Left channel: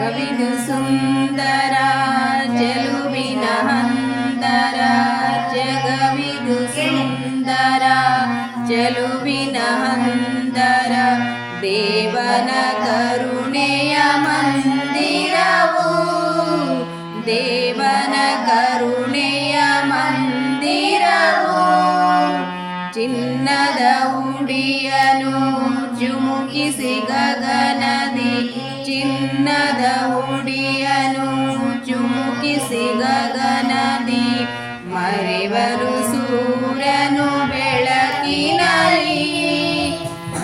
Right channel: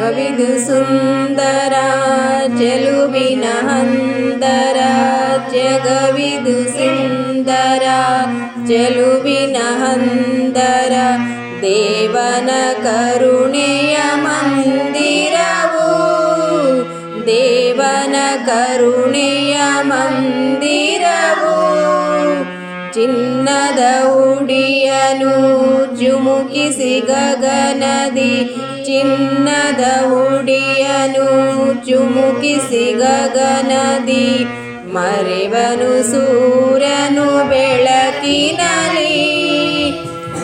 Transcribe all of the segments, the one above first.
गविदु सुन्दरा जलु विनान्तरा जगविदु सुन्दरा जलु विनारा देवनकरुणे य ಚುಮುಕಿಸಿ ಗಗನದಿ ಚಿನ್ನದ ಉಡಿಯನು ಚುಮುಕಿಸಿ ಗಗನದಿ ಮರೆವನು ಸೂರ್ಯನು ಬೆಳಕಿನಲಿ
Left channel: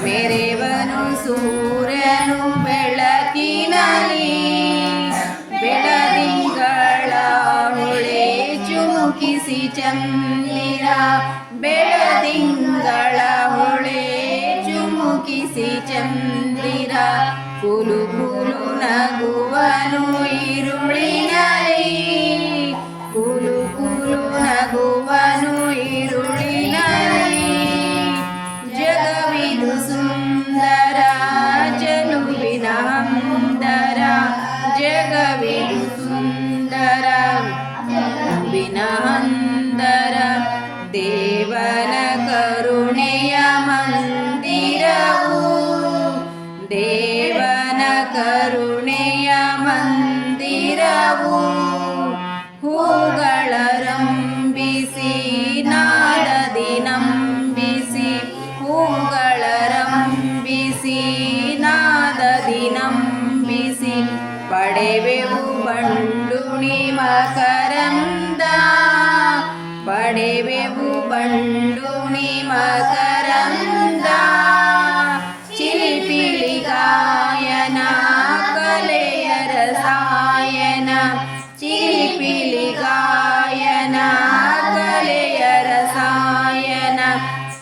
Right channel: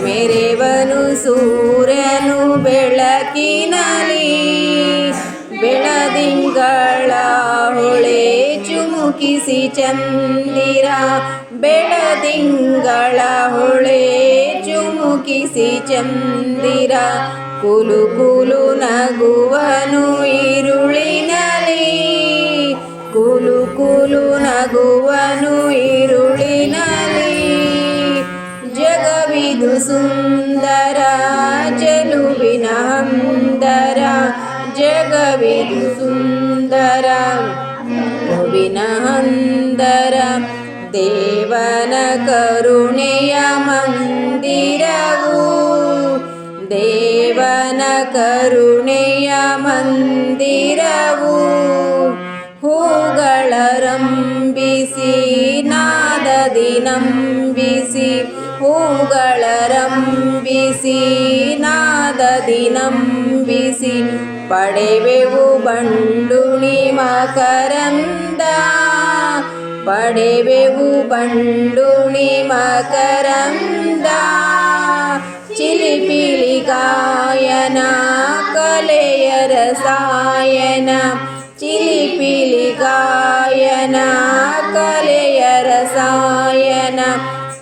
ಮೆರೆವನು ಸೂರ್ಯನು ಬೆಳಕಿನಲಿ ಬೆಳದಿಂಗಳ ಹೊಳೆ ಚುಮುಕಿಸಿ ಚಂದಿರ ಬೆಳದಿಂಗಳ ಹೊಳೆ ಚುಮುಕಿಸಿ ಚಂದಿರ ಕುಲು ಕುಲು ನಗುವನು ಈರುಳಿನಲಿ ಕುಲು ಕುಲು ನಗುವನು ಈರುಳಿನಲಿ ಜಗವಿದು ಸುಂದರ ಚೆಲುವಿನ ಹಂದರ ಜಗವಿದು ಸುಂದರ ಚೆಲುವಿನ ಹಂದರ ದೇವನ ಕರುಣೆಯ ಮಂದಿರವು ದೇವನ ಕರುಣೆಯ ಮಂದಿರವು ಹೂಗಳ ರಂಬಿಸಿ ನಾದದಿ ನಂಬಿಸಿ ಹೂಗಳ ರಂಬಿಸಿ ನಾದದಿ ನಂಬಿಸಿ ಪಡೆವೆವು ಬಂಡುಣಿ ಮಕರಂದ ಪಡೆವೆವು ಬಂಡುಣಿ ಮಕರಂದ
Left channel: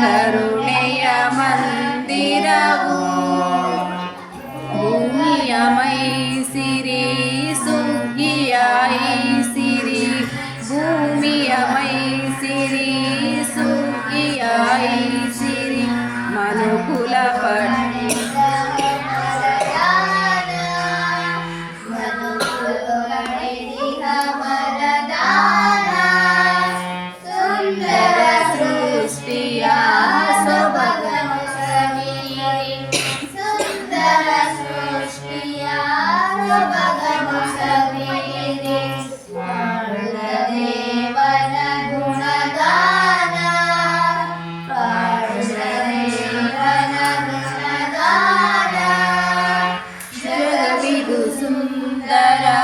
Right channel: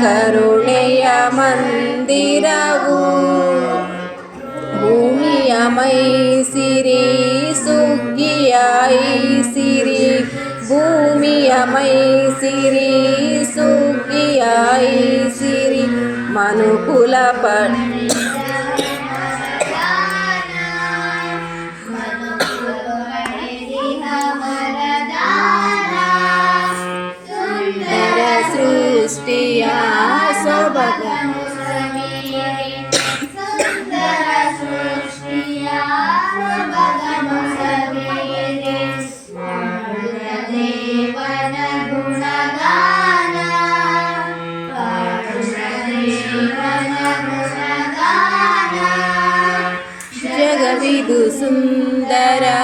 ಕರುಣೆಯ ಮಂದಿರವು ಭೂಮಿಯ ಮೈಸಿರಿ ಸುಗ್ಗಿಯ ಐಸಿರಿ. ಭೂಮಿಯ ಮೈಸಿರಿ ಸುಗ್ಗಿಯ ಐಸಿರಿ. ಮನುಕುಲ ಪಟ್ सुन्दरा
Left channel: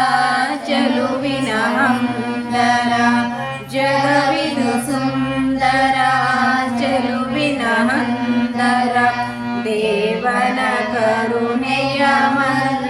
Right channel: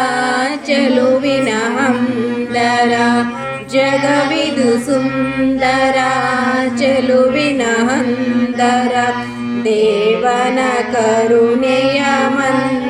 चलु विना करा जगविध सुन्दरा चलु विनः कर देवारुणया मिरेववन